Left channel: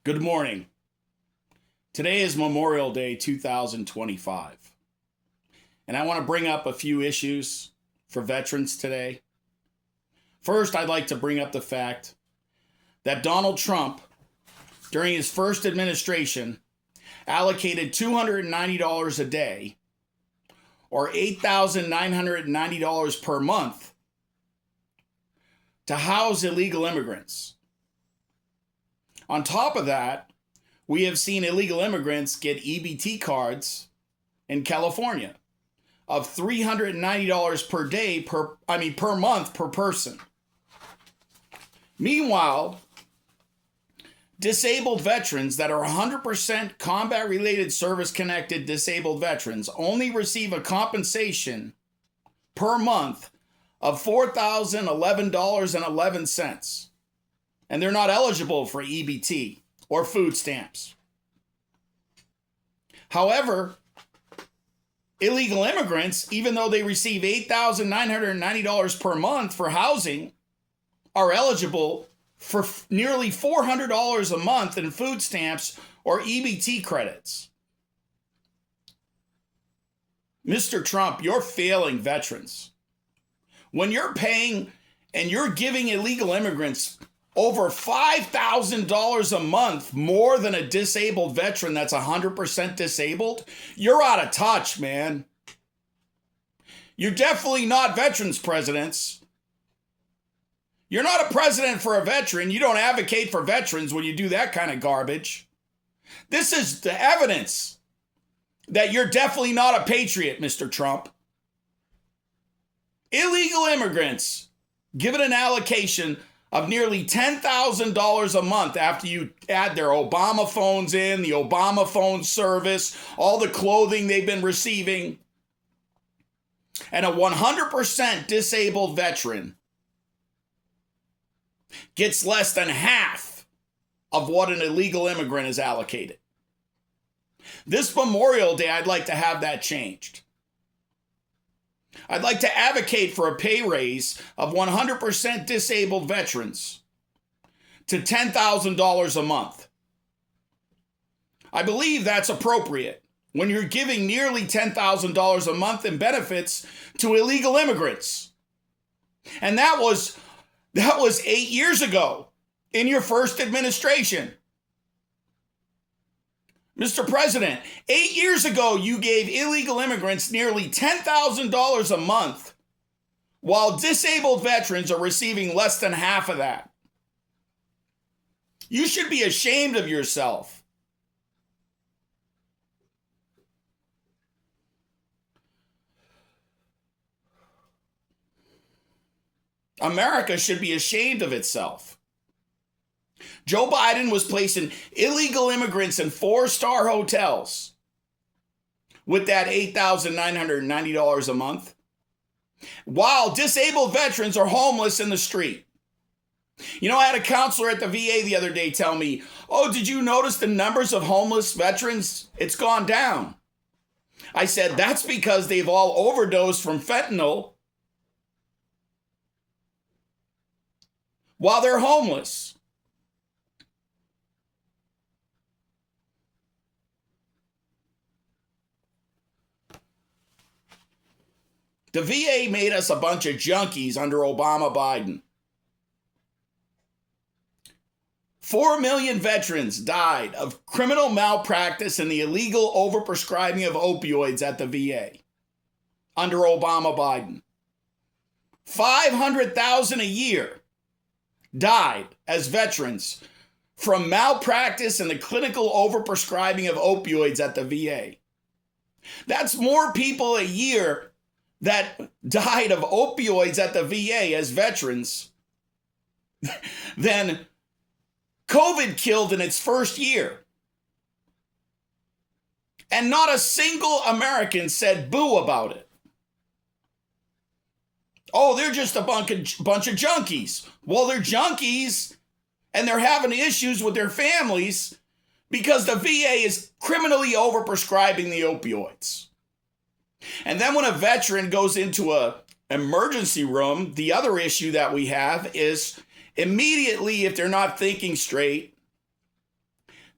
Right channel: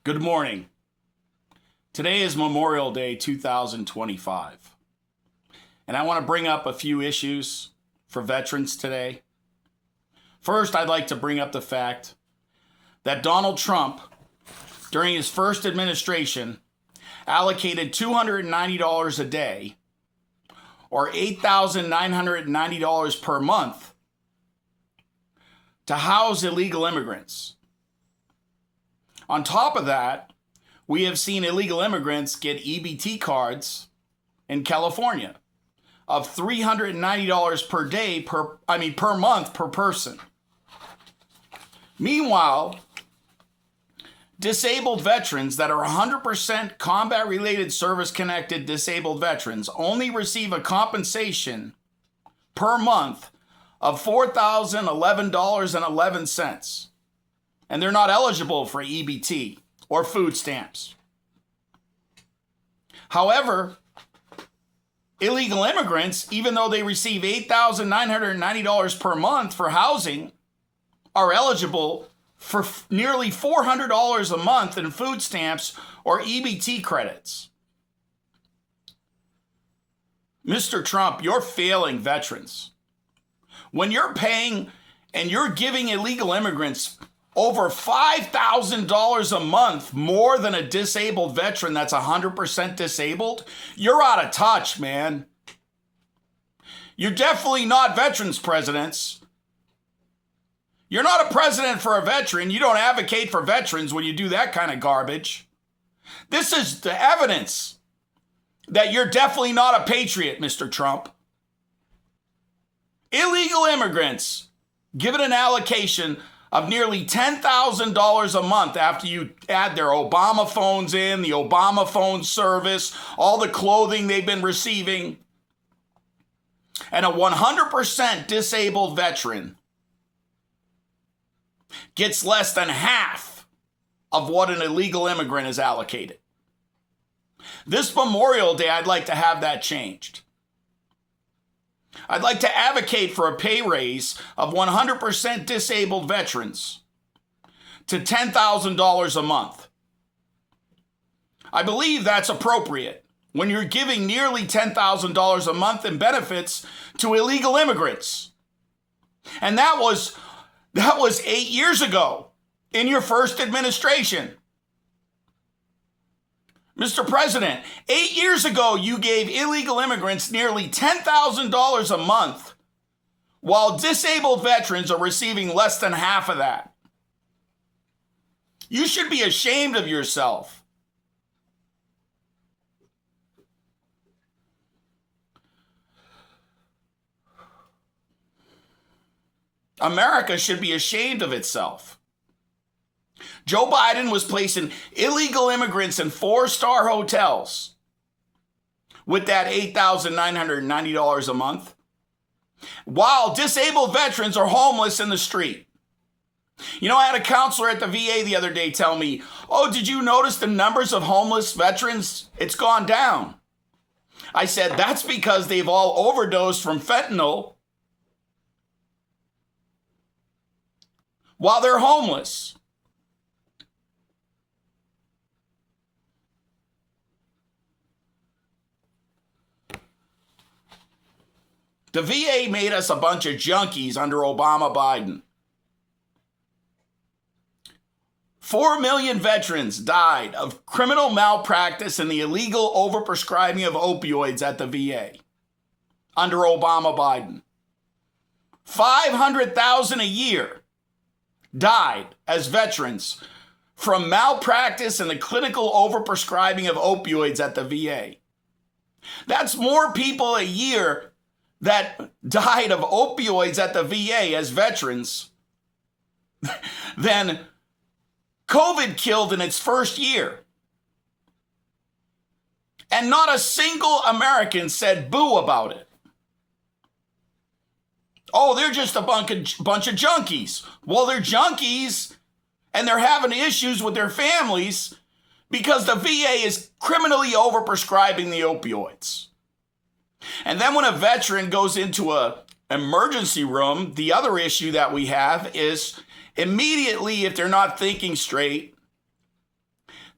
Good morning. Today is Memorial Day 2025. And I want to bring up a few issues for veterans today. First, I'd like to bring up the fact that Donald Trump, during his first administration, allocated $290 a day, or $8,990 per month, to house illegal immigrants. On top of that, we have seen illegal immigrants get EBT cards in California of $390 per day per month per person. Meanwhile, disabled veterans that are 100% combat-related service-connected disabled veterans only receive a compensation per month of $4,011.11. And they're not eligible for EBT or food stamps. However, illegal immigrants, even though they receive $8,990 per month for housing, are eligible for nearly $400 a month in food stamps or EBT credits. Mr. Trump, you're failing veterans. When you're paying and you're giving illegal immigrants over $5,000 a month more than a disabled veteran that's 100% disabled, you're out of touch, man. You're definitely not veterans presidents. You're not a president for a veteran. You don't advocate for veterans when you do that kind of garbage. This is the evidence that you're definitely not a patriot, Mr. Trump. Illegal immigrants given an allocation of nearly $10,000 a month after you add their Obama phones in, the Obama phone service, all the clothing they've been receiving, and a 100% disabled veteran gets less than half of what an illegal immigrant is allocated. This Memorial Day, I'd like to have that changed. I'd like to advocate for a pay raise of 100% disabled veterans to $10,000 a month. I believe that's appropriate when you're giving nearly $10,000 a month in benefits to illegal immigrants. And that was 8 years ago in your first administration. Mr. President, 8 years ago, you gave illegal immigrants nearly $10,000 a month, while disabled veterans are receiving less than half of that. You should be ashamed of yourself. America should be ashamed of itself. Joe Biden was placing illegal immigrants in 4-star hotels with that $8,990 a month, while disabled veterans are homeless in the street. You know, I had a counselor at the VA the other day tell me, "Oh, did you notice the numbers of homeless veterans? It's gone down." I said, "That's because they've all overdosed from fentanyl while they're homeless." The VA made us a bunch of junkies under Obama Biden. 4 million veterans died of criminal malpractice and the illegal overprescribing of opioids at the VA under Obama Biden. 500,000 a year died as veterans from malpractice and the clinical overprescribing of opioids at the VA. That's more people a year that died of opioids at the VA as veterans than COVID killed in its first year. And not a single American said boo about it. Oh, they're just a bunch of junkies. Well, they're junkies and they're having issues with their families because the VA is criminally overprescribing the opioids. And then when a veteran goes into an emergency room, the other issue that we have is immediately, if they're not thinking straight,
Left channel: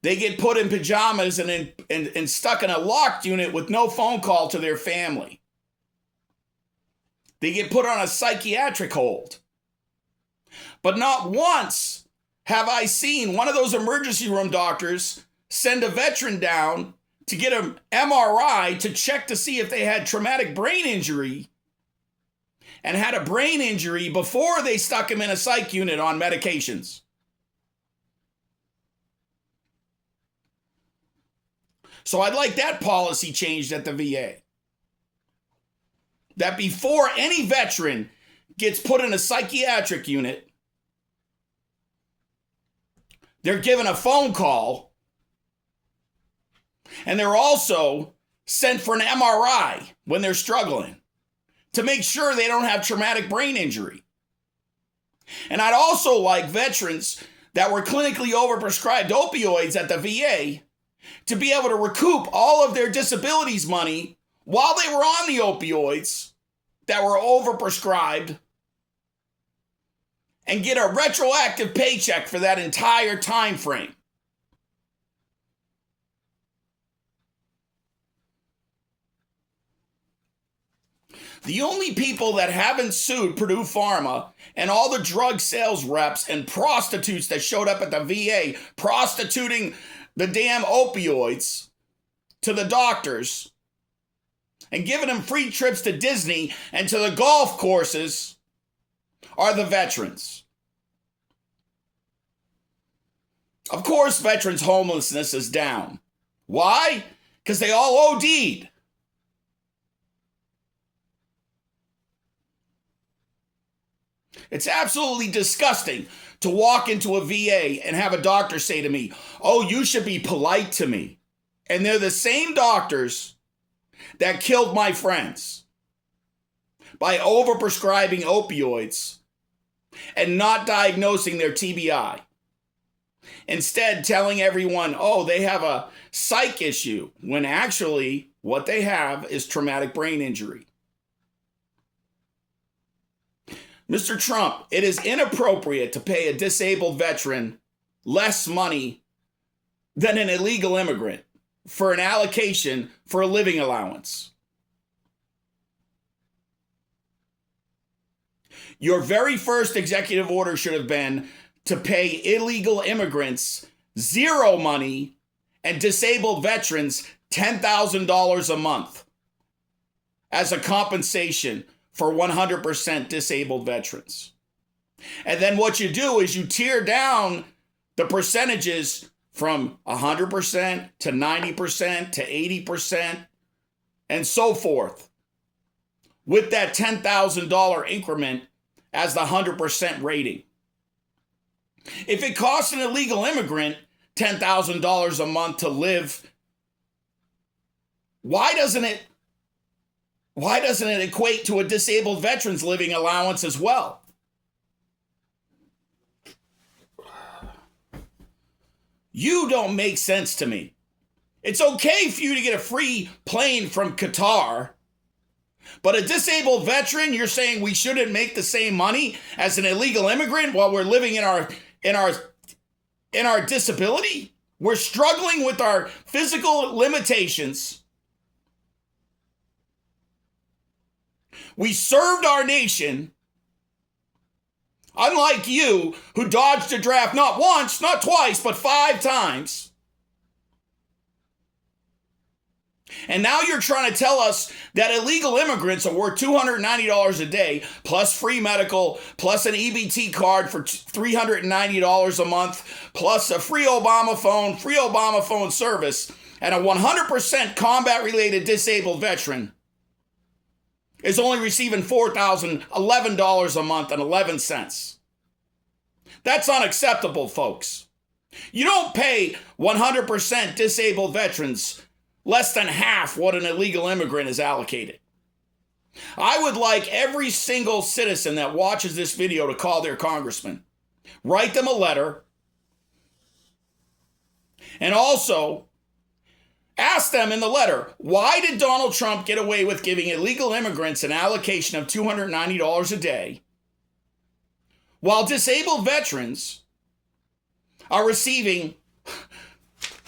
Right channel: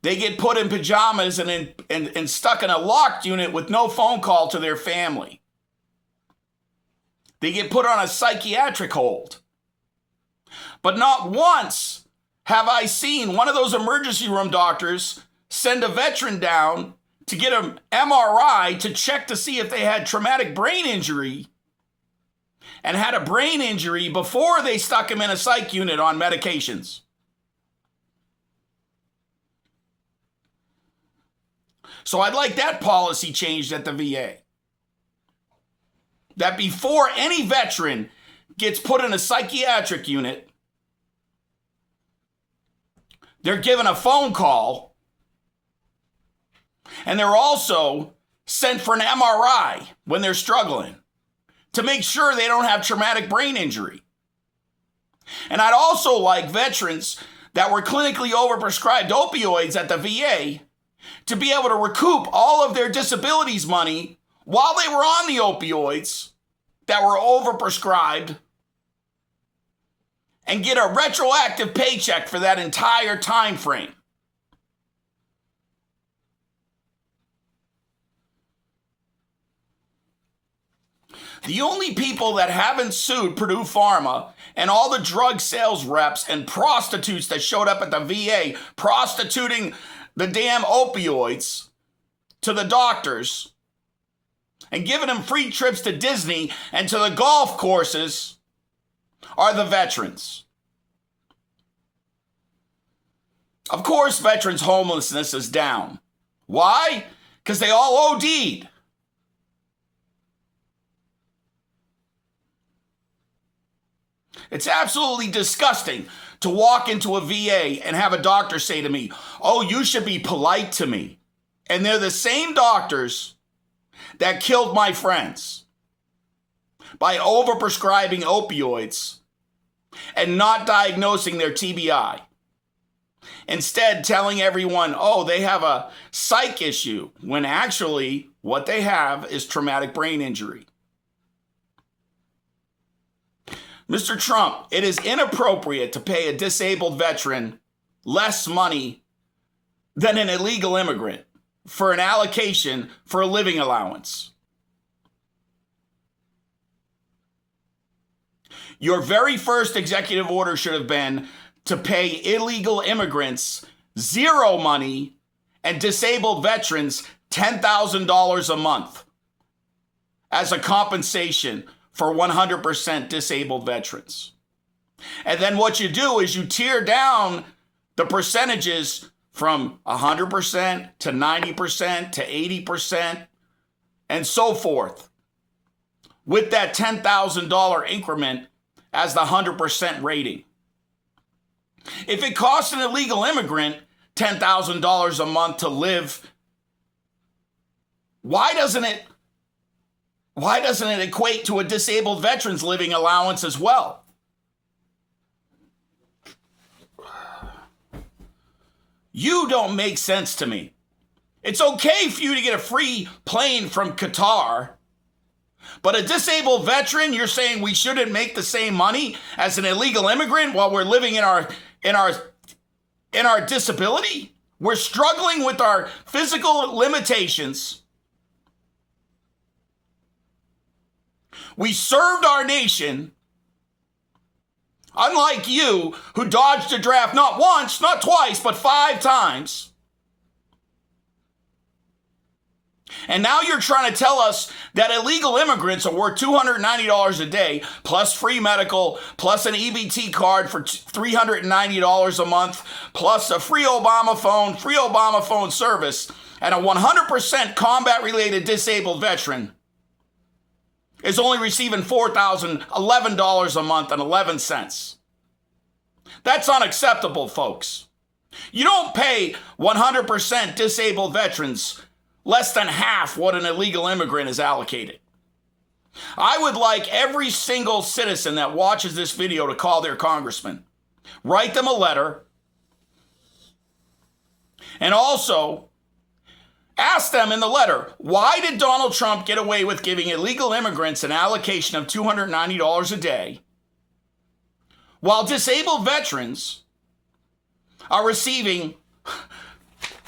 They get put in pajamas and stuck in a locked unit with no phone call to their family. They get put on a psychiatric hold. But not once have I seen one of those emergency room doctors send a veteran down to get an MRI to check to see if they had traumatic brain injury and had a brain injury before they stuck him in a psych unit on medications. So I'd like that policy changed at the VA. That before any veteran gets put in a psychiatric unit, they're given a phone call, and they're also sent for an MRI when they're struggling to make sure they don't have traumatic brain injury. And I'd also like veterans that were clinically overprescribed opioids at the VA to be able to recoup all of their disabilities money while they were on the opioids that were overprescribed and get a retroactive paycheck for that entire time frame. The only people that haven't sued Purdue Pharma and all the drug sales reps and prostitutes that showed up at the VA prostituting the damn opioids to the doctors and giving them free trips to Disney and to the golf courses are the veterans. Of course, veterans' homelessness is down. Why? Because they all OD'd. It's absolutely disgusting to walk into a VA and have a doctor say to me, "Oh, you should be polite to me." And they're the same doctors that killed my friends by overprescribing opioids and not diagnosing their TBI. Instead, telling everyone, "Oh, they have a psych issue," when actually what they have is traumatic brain injury. Mr. Trump, it is inappropriate to pay a disabled veteran less money than an illegal immigrant for an allocation for a living allowance. Your very first executive order should have been to pay illegal immigrants zero money and disabled veterans $10,000 a month as a compensation for 100% disabled veterans. And then what you do is you tear down the percentages from 100% to 90% to 80% and so forth, with that $10,000 increment as the 100% rating. If it costs an illegal immigrant $10,000 a month to live, why doesn't it equate to a disabled veteran's living allowance as well? You don't make sense to me. It's okay for you to get a free plane from Qatar, but a disabled veteran, you're saying we shouldn't make the same money as an illegal immigrant while we're living in our disability? We're struggling with our physical limitations. We served our nation, unlike you, who dodged a draft not once, not twice, but 5 times. And now you're trying to tell us that illegal immigrants are worth $290 a day, plus free medical, plus an EBT card for $390 a month, plus a free Obama phone service, and a 100% combat-related disabled veteran is only receiving $4,011 a month and 11 cents. That's unacceptable, folks. You don't pay 100% disabled veterans less than half what an illegal immigrant is allocated. I would like every single citizen that watches this video to call their congressman, write them a letter, and also ask them in the letter, why did Donald Trump get away with giving illegal immigrants an allocation of $290 a day, while disabled veterans are receiving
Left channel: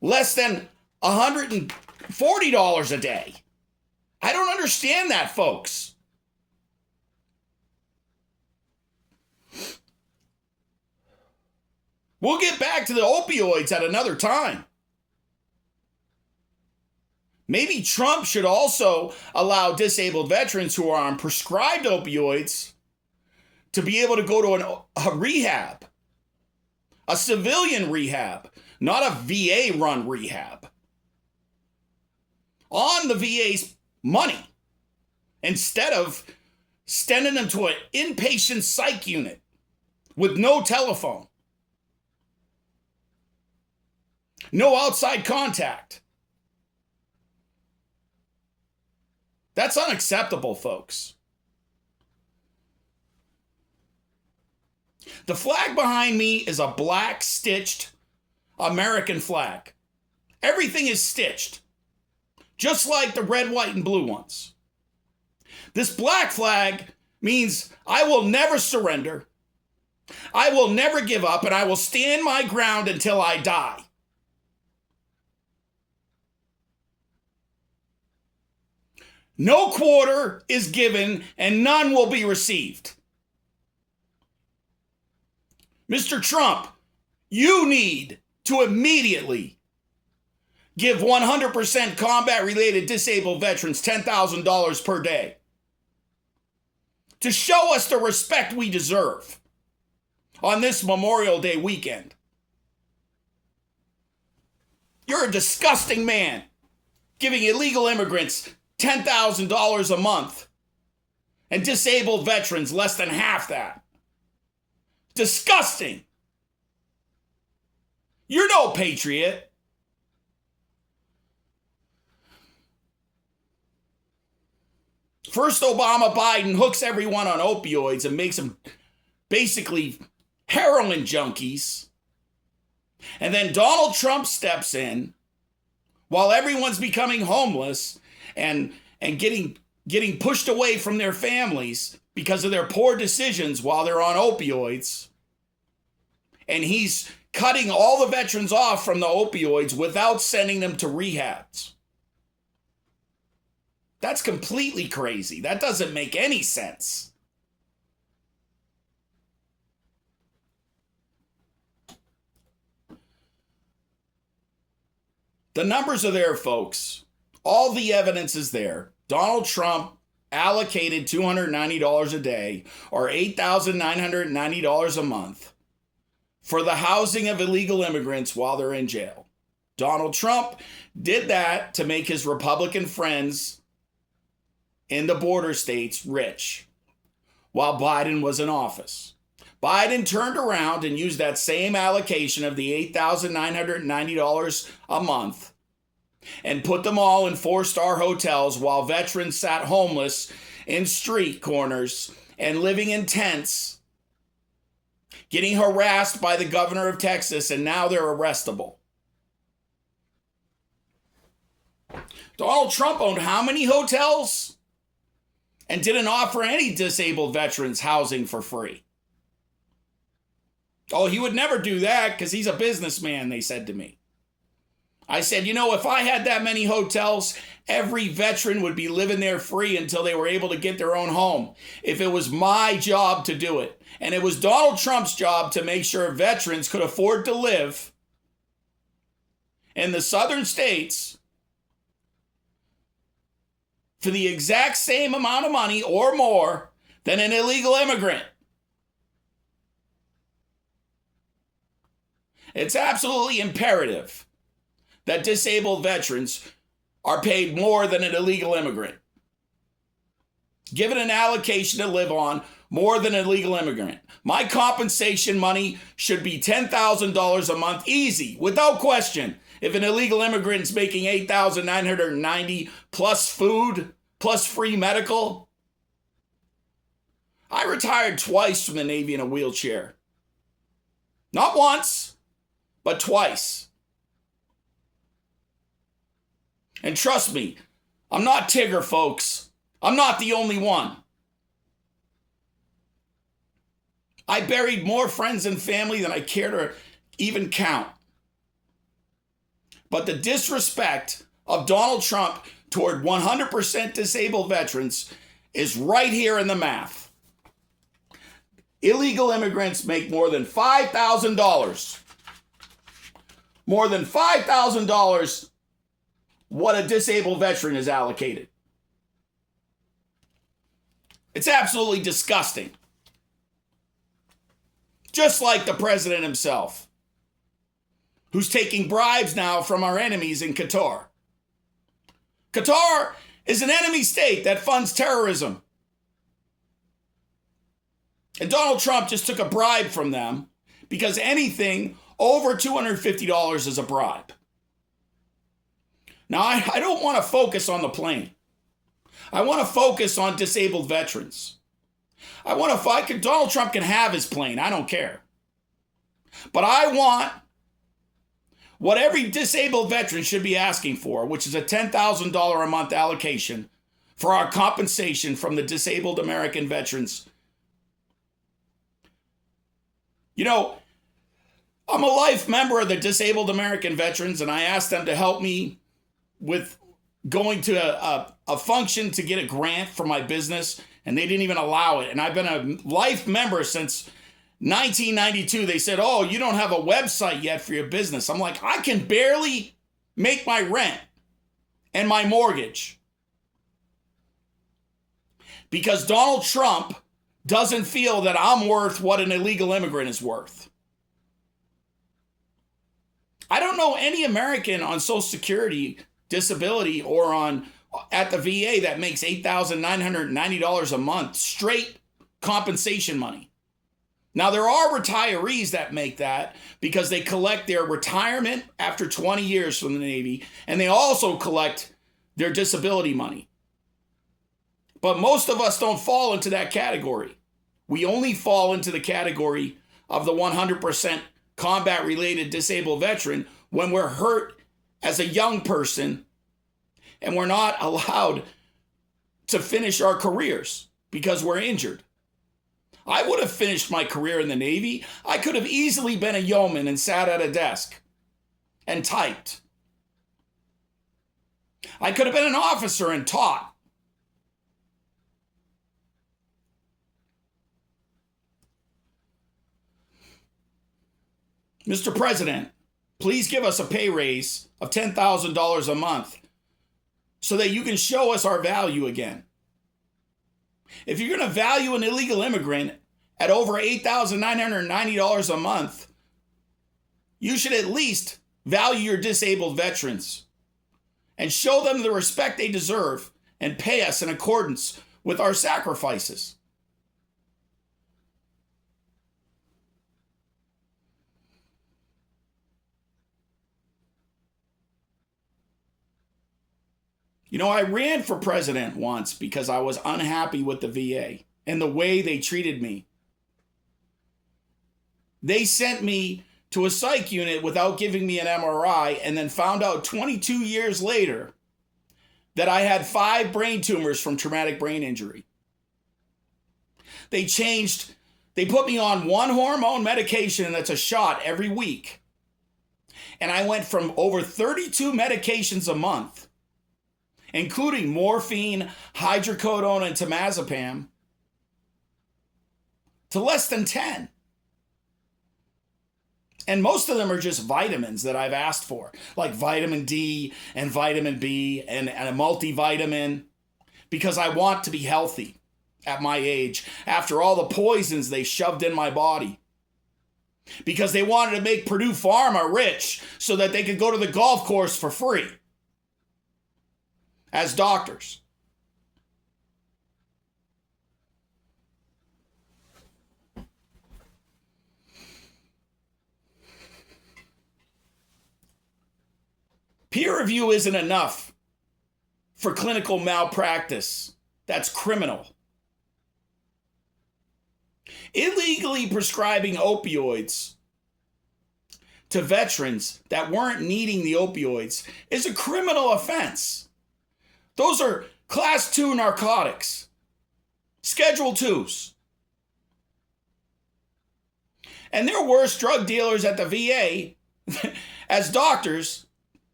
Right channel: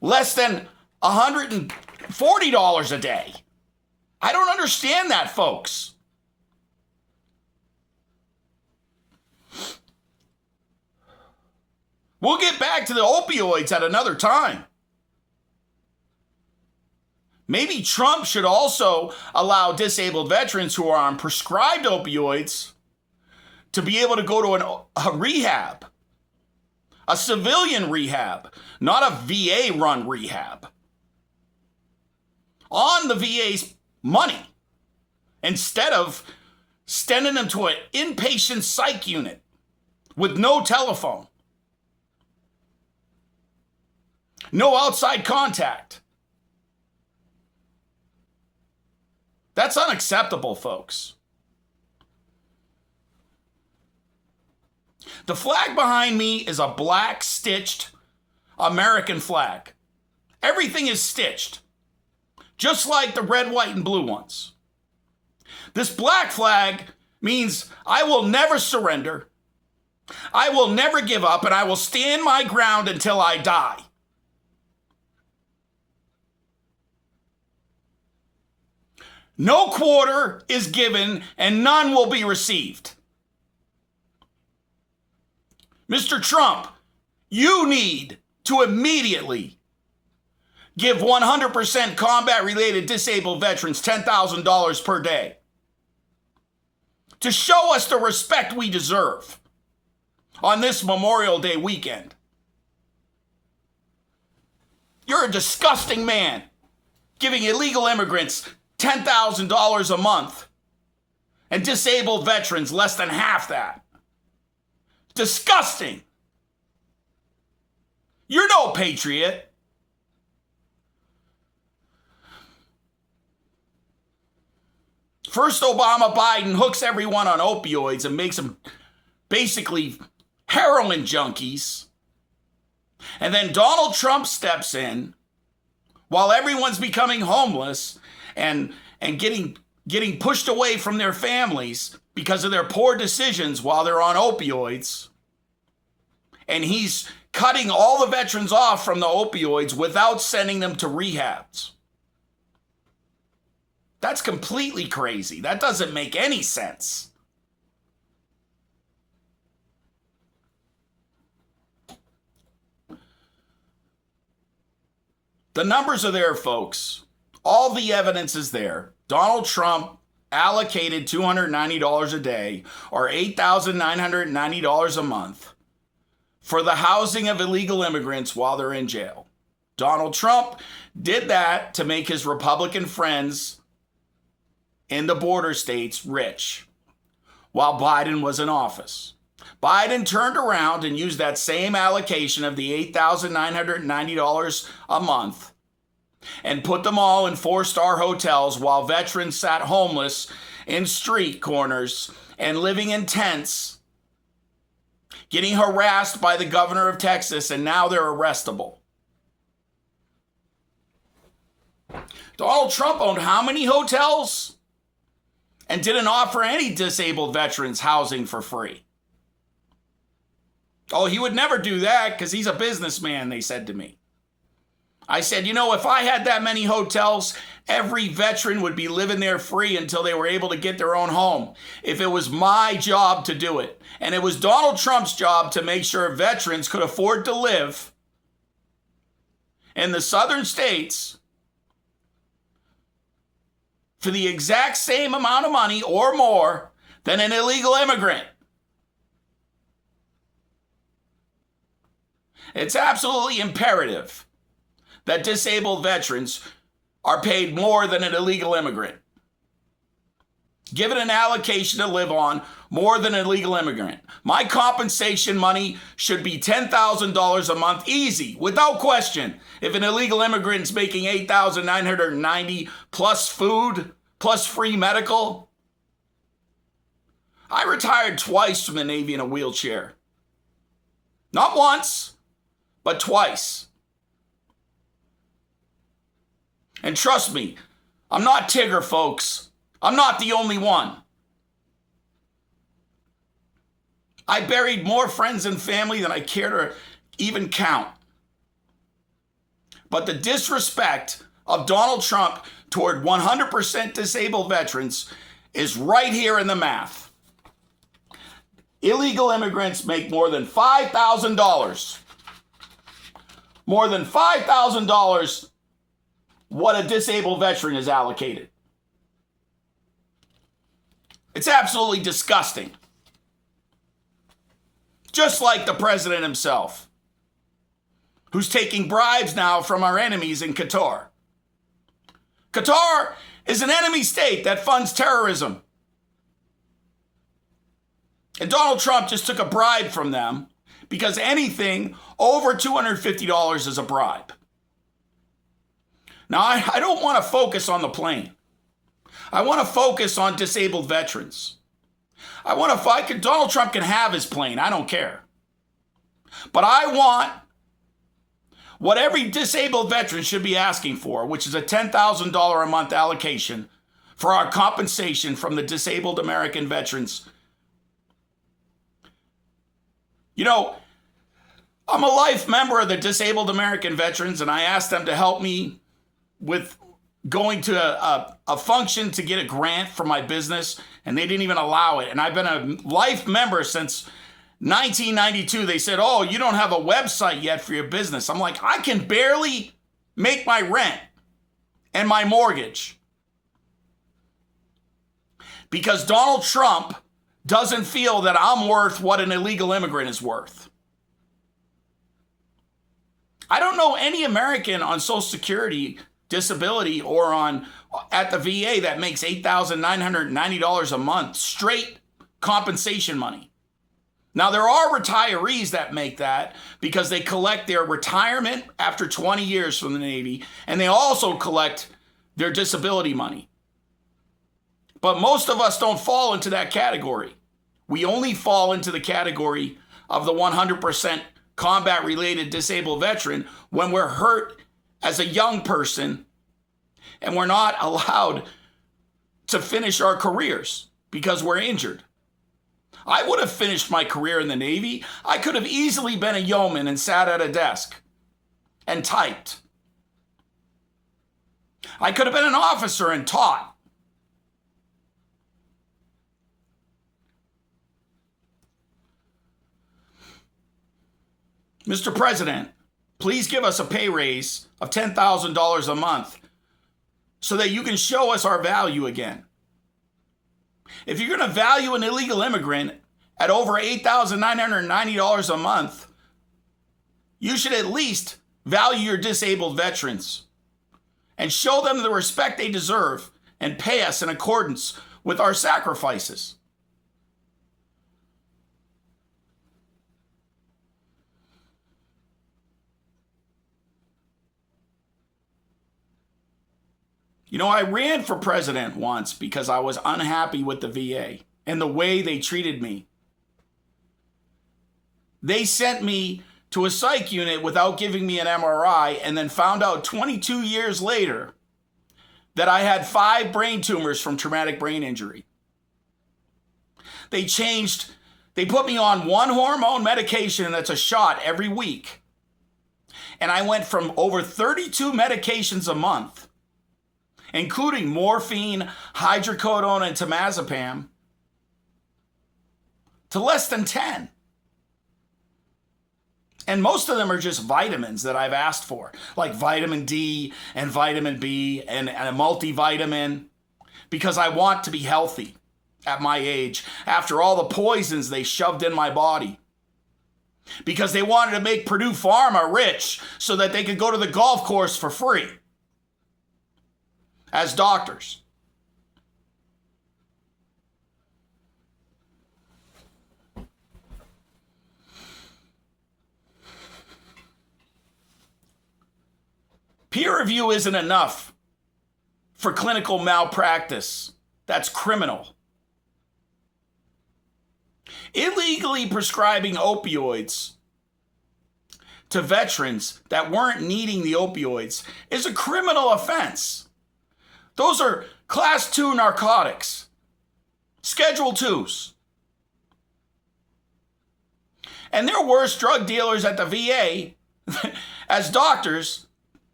less than $140 a day. I don't understand that, folks. We'll get back to the opioids at another time. Maybe Trump should also allow disabled veterans who are on prescribed opioids to be able to go to a rehab, a civilian rehab, not a VA-run rehab, on the VA's money, instead of sending them to an inpatient psych unit with no telephone, no outside contact. That's unacceptable, folks. The flag behind me is a black stitched American flag. Everything is stitched, just like the red, white, and blue ones. This black flag means I will never surrender, I will never give up, and I will stand my ground until I die. No quarter is given and none will be received. Mr. Trump, you need to immediately give 100% combat-related disabled veterans $10,000 per day to show us the respect we deserve on this Memorial Day weekend. You're a disgusting man giving illegal immigrants $10,000 a month and disabled veterans less than half that. Disgusting. You're no patriot. First, Obama Biden hooks everyone on opioids and makes them basically heroin junkies. And then Donald Trump steps in while everyone's becoming homeless and getting pushed away from their families because of their poor decisions while they're on opioids. And he's cutting all the veterans off from the opioids without sending them to rehabs. That's completely crazy. That doesn't make any sense. The numbers are there, folks. All the evidence is there. Donald Trump allocated $290 a day, or $8,990 a month, for the housing of illegal immigrants while they're in jail. Donald Trump did that to make his Republican friends in the border states rich while Biden was in office. Biden turned around and used that same allocation of the $8,990 a month and put them all in 4-star hotels while veterans sat homeless in street corners and living in tents, getting harassed by the governor of Texas, and now they're arrestable. Donald Trump owned how many hotels and didn't offer any disabled veterans housing for free? Oh, he would never do that because he's a businessman, they said to me. I said, if I had that many hotels, every veteran would be living there free until they were able to get their own home. If it was my job to do it. And it was Donald Trump's job to make sure veterans could afford to live in the southern states for the exact same amount of money or more than an illegal immigrant. It's absolutely imperative that disabled veterans are paid more than an illegal immigrant. Given an allocation to live on more than an illegal immigrant. My compensation money should be $10,000 a month, easy, without question. If an illegal immigrant's making $8,990 plus food, plus free medical. I retired twice from the Navy in a wheelchair. Not once, but twice. And trust me, I'm not Tigger, folks. I'm not the only one. I buried more friends and family than I care to even count. But the disrespect of Donald Trump toward 100% disabled veterans is right here in the math. Illegal immigrants make more than $5,000. More than $5,000 what a disabled veteran is allocated. It's absolutely disgusting. Just like the president himself, who's taking bribes now from our enemies in Qatar. Qatar is an enemy state that funds terrorism. And Donald Trump just took a bribe from them because anything over $250 is a bribe. Now, I don't want to focus on the plane. I want to focus on disabled veterans. Donald Trump can have his plane. I don't care. But I want what every disabled veteran should be asking for, which is a $10,000 a month allocation for our compensation from the disabled American veterans. You know, I'm a life member of the Disabled American Veterans, and I asked them to help me with going to a function to get a grant for my business, and they didn't even allow it. And I've been a life member since 1992. They said, oh, you don't have a website yet for your business. I'm like, I can barely make my rent and my mortgage because Donald Trump doesn't feel that I'm worth what an illegal immigrant is worth. I don't know any American on Social Security, disability, or at the VA that makes $8,990 a month straight compensation money. Now, there are retirees that make that because they collect their retirement after 20 years from the Navy, and they also collect their disability money. But most of us don't fall into that category. We only fall into the category of the 100% combat-related disabled veteran when we're hurt as a young person and we're not allowed to finish our careers because we're injured. I would have finished my career in the Navy. I could have easily been a yeoman and sat at a desk and typed. I could have been an officer and taught. Mr. President, please give us a pay raise of $10,000 a month so that you can show us our value again. If you're going to value an illegal immigrant at over $8,990 a month, you should at least value your disabled veterans and show them the respect they deserve and pay us in accordance with our sacrifices. You know, I ran for president once because I was unhappy with the VA and the way they treated me. They sent me to a psych unit without giving me an MRI and then found out 22 years later that I had 5 brain tumors from traumatic brain injury. They put me on one hormone medication, and that's a shot every week. And I went from over 32 medications a month, including morphine, hydrocodone, and temazepam, to less than 10. And most of them are just vitamins that I've asked for, like vitamin D and vitamin B and a multivitamin, because I want to be healthy at my age after all the poisons they shoved in my body. Because they wanted to make Purdue Pharma rich so that they could go to the golf course for free as doctors. Peer review isn't enough for clinical malpractice. That's criminal. Illegally prescribing opioids to veterans that weren't needing the opioids is a criminal offense. Those are class 2 narcotics, schedule 2s. And they're worse drug dealers at the VA as doctors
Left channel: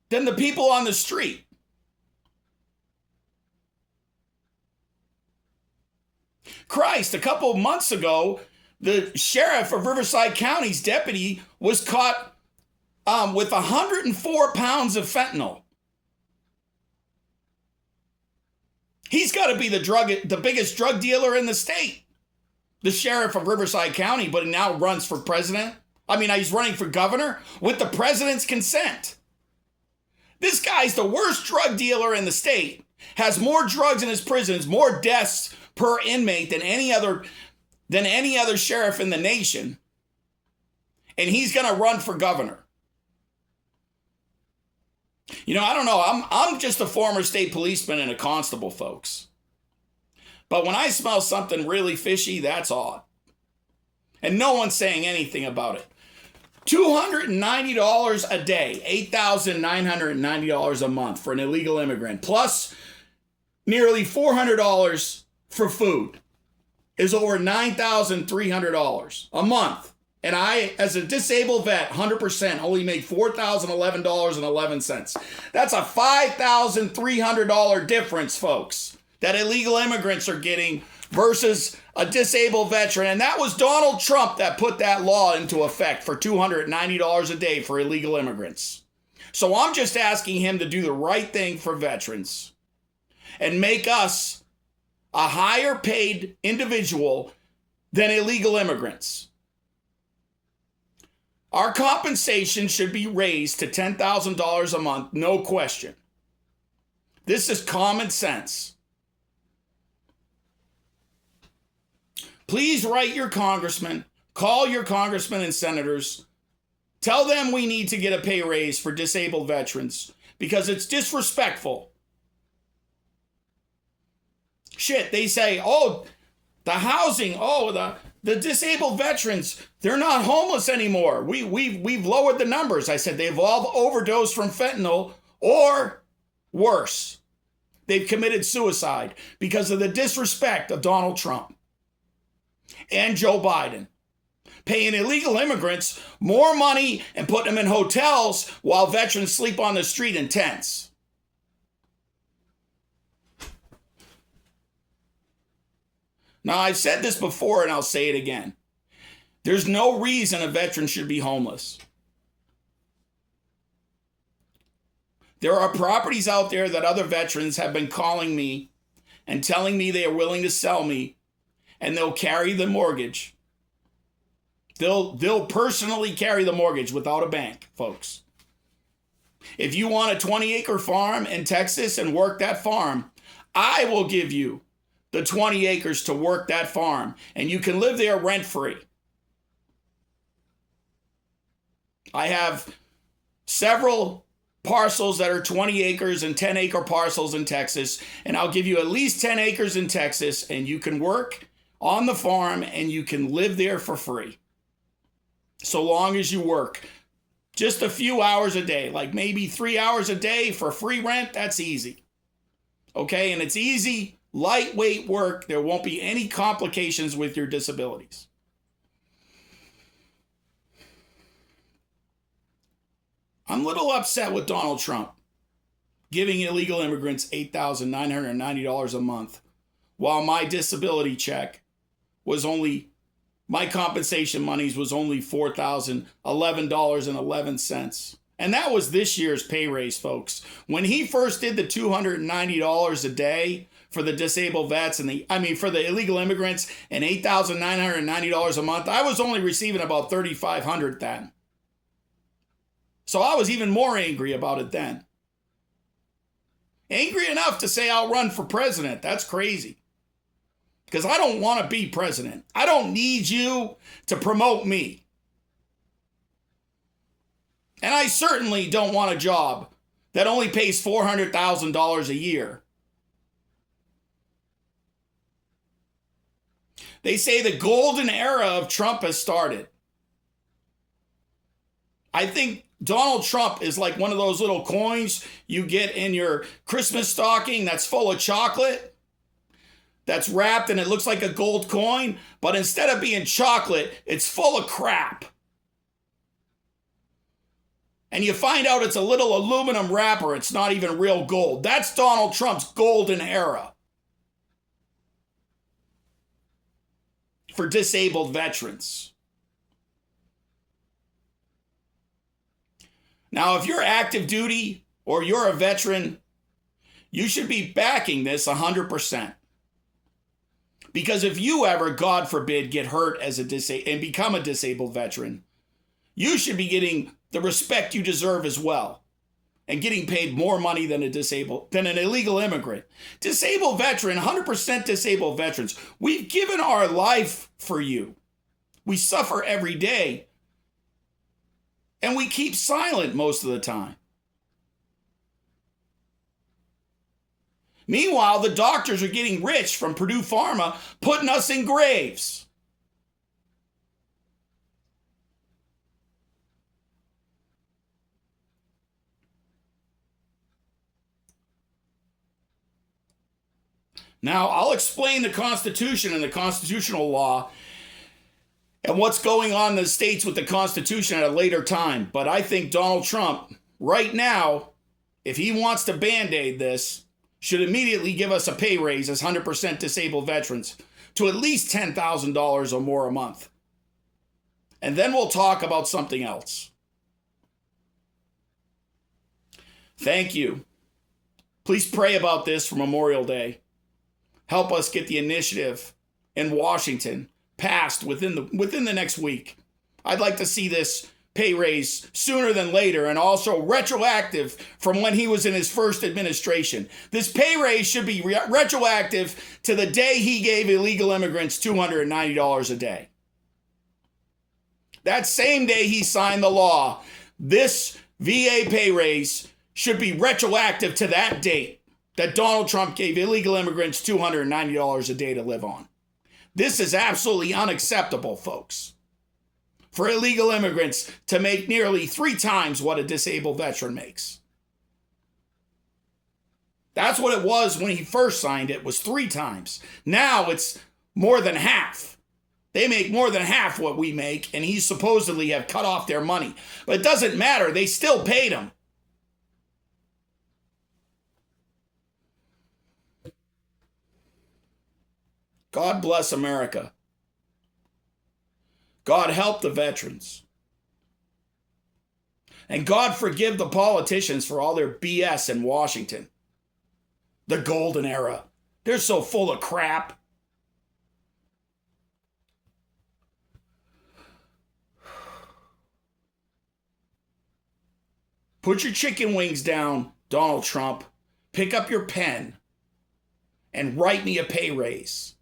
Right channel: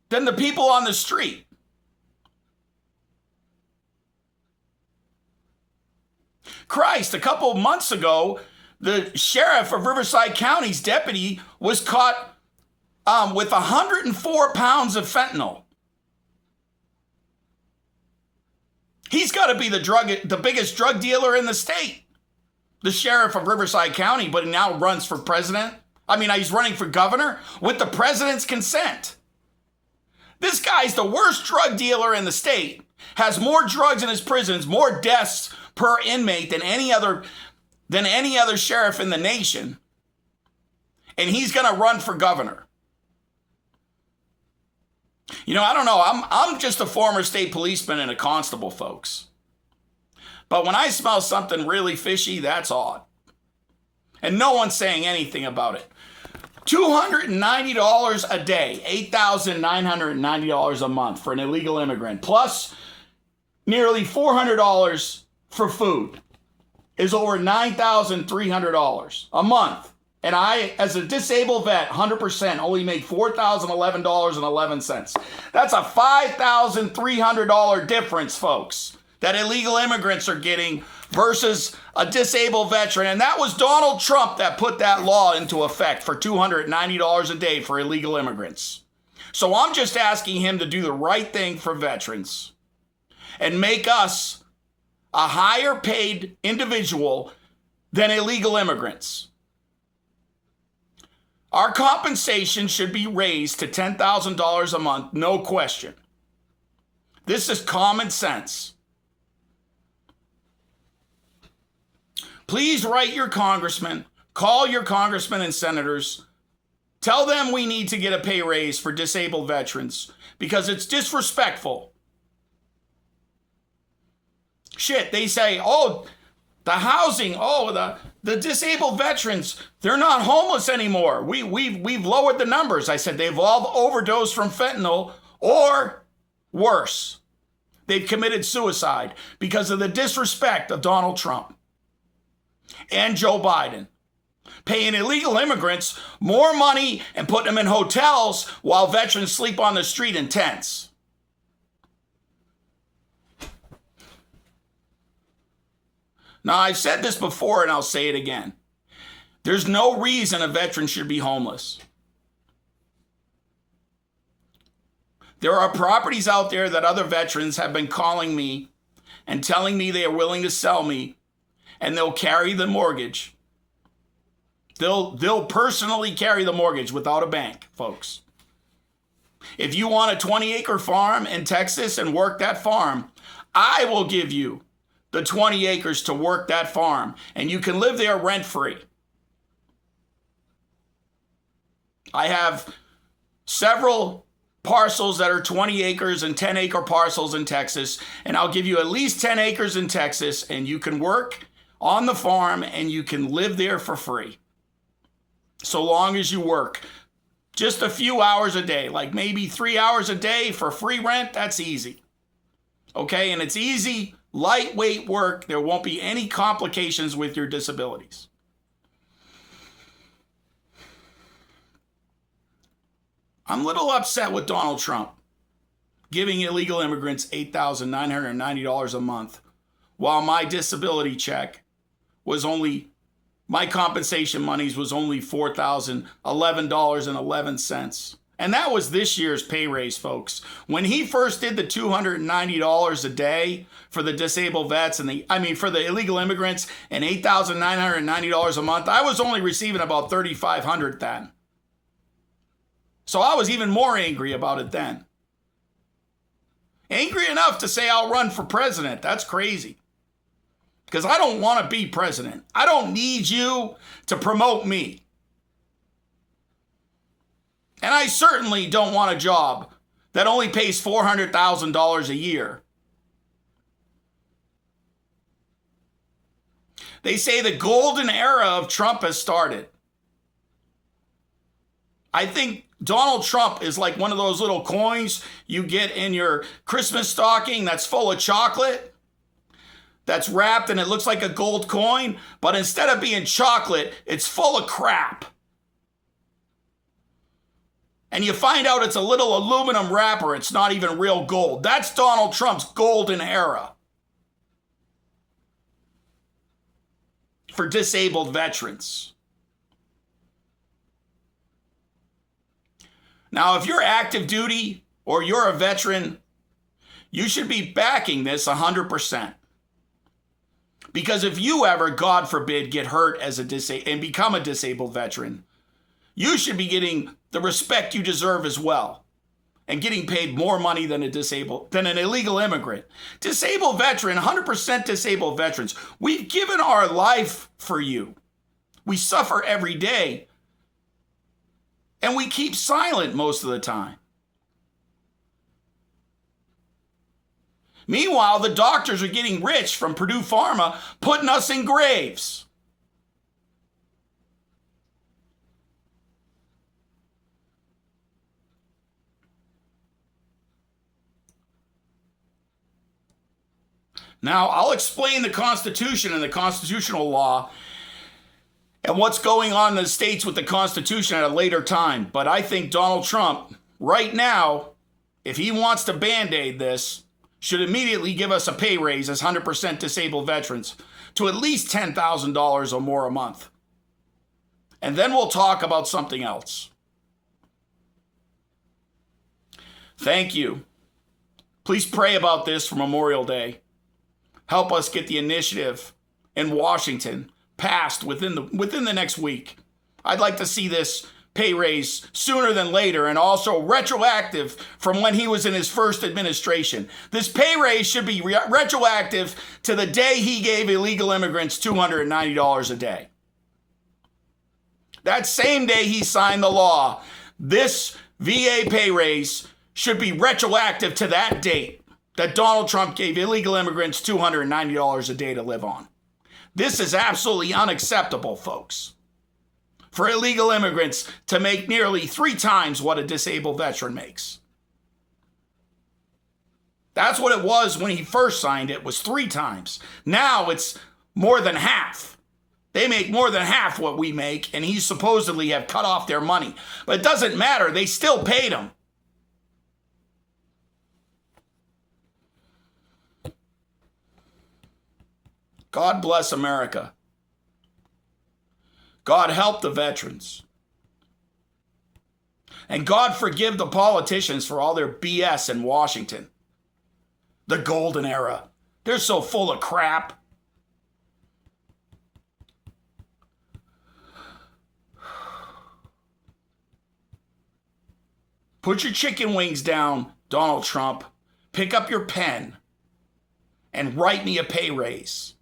than the people on the street. Christ, a couple of months ago, the sheriff of Riverside County's deputy was caught with 104 pounds of fentanyl. He's got to be the biggest drug dealer in the state. The sheriff of Riverside County, but he now runs for president. He's running for governor with the president's consent. This guy's the worst drug dealer in the state, has more drugs in his prisons, more deaths per inmate than any other sheriff in the nation. And he's going to run for governor. I don't know. I'm just a former state policeman and a constable, folks. But when I smell something really fishy, that's odd. And no one's saying anything about it. $290 a day, $8,990 a month for an illegal immigrant, plus nearly $400 for food is over $9,300 a month. And I, as a disabled vet, 100% only make $4,011.11. That's a $5,300 difference, folks, that illegal immigrants are getting versus a disabled veteran. And that was Donald Trump that put that law into effect for $290 a day for illegal immigrants. So I'm just asking him to do the right thing for veterans and make us a higher paid individual than illegal immigrants. Our compensation should be raised to $10,000 a month, no question. This is common sense. Please write your congressman, call your congressmen and senators, tell them we need to get a pay raise for disabled veterans because it's disrespectful. Shit, they say, the housing, the disabled veterans, they're not homeless anymore. We've lowered the numbers. I said they've all overdosed from fentanyl or worse. They've committed suicide because of the disrespect of Donald Trump and Joe Biden, paying illegal immigrants more money and putting them in hotels while veterans sleep on the street in tents. Now, I've said this before and I'll say it again. There's no reason a veteran should be homeless. There are properties out there that other veterans have been calling me and telling me they are willing to sell me, and they'll carry the mortgage. They'll personally carry the mortgage without a bank, folks. If you want a 20-acre farm in Texas and work that farm, I will give you the 20 acres to work that farm, and you can live there rent-free. I have several parcels that are 20 acres and 10-acre parcels in Texas, and I'll give you at least 10 acres in Texas, and you can work on the farm and you can live there for free. So long as you work just a few hours a day, like maybe 3 hours a day for free rent, that's easy. Okay, and it's easy, lightweight work. There won't be any complications with your disabilities. I'm a little upset with Donald Trump giving illegal immigrants $8,990 a month while my disability check was only, my compensation monies was only $4,011.11. And that was this year's pay raise, folks. When he first did the $290 a day for the disabled vets for the illegal immigrants and $8,990 a month, I was only receiving about $3,500 then. So I was even more angry about it then. Angry enough to say I'll run for president. That's crazy. Because I don't want to be president. I don't need you to promote me. And I certainly don't want a job that only pays $400,000 a year. They say the golden era of Trump has started. I think Donald Trump is like one of those little coins you get in your Christmas stocking that's full of chocolate, that's wrapped and it looks like a gold coin, but instead of being chocolate, it's full of crap. and you find out it's a little aluminum wrapper, it's not even real gold. That's Donald Trump's golden era for disabled veterans. Now, if you're active duty or you're a veteran, you should be backing this 100%. Because if you ever, God forbid, get hurt as and become a disabled veteran, you should be getting the respect you deserve as well, and getting paid more money than an illegal immigrant. Disabled veteran, 100% disabled veterans. We've given our life for you. We suffer every day, and we keep silent most of the time. Meanwhile, the doctors are getting rich from Purdue Pharma, putting us in graves. Now, I'll explain the Constitution and the constitutional law and what's going on in the states with the Constitution at a later time. But I think Donald Trump, right now, if he wants to Band-Aid this, should immediately give us a pay raise as 100% disabled veterans to at least $10,000 or more a month. And then we'll talk about something else. Thank you. Please pray about this for Memorial Day. Help us get the initiative in Washington passed within the next week. I'd like to see this pay raise sooner than later, and also retroactive from when he was in his first administration. This pay raise should be retroactive to the day he gave illegal immigrants $290 a day. That same day he signed the law, this VA pay raise should be retroactive to that date that Donald Trump gave illegal immigrants $290 a day to live on. This is absolutely unacceptable, folks. For illegal immigrants to make nearly 3 times what a disabled veteran makes. That's what it was when he first signed it, was 3 times. Now it's more than half. They make more than half what we make, and he supposedly have cut off their money. But it doesn't matter. They still paid him. God bless America. God help the veterans. And God forgive the politicians for all their BS in Washington. The golden era. They're so full of crap. Put your chicken wings down, Donald Trump. Pick up your pen and write me a pay raise.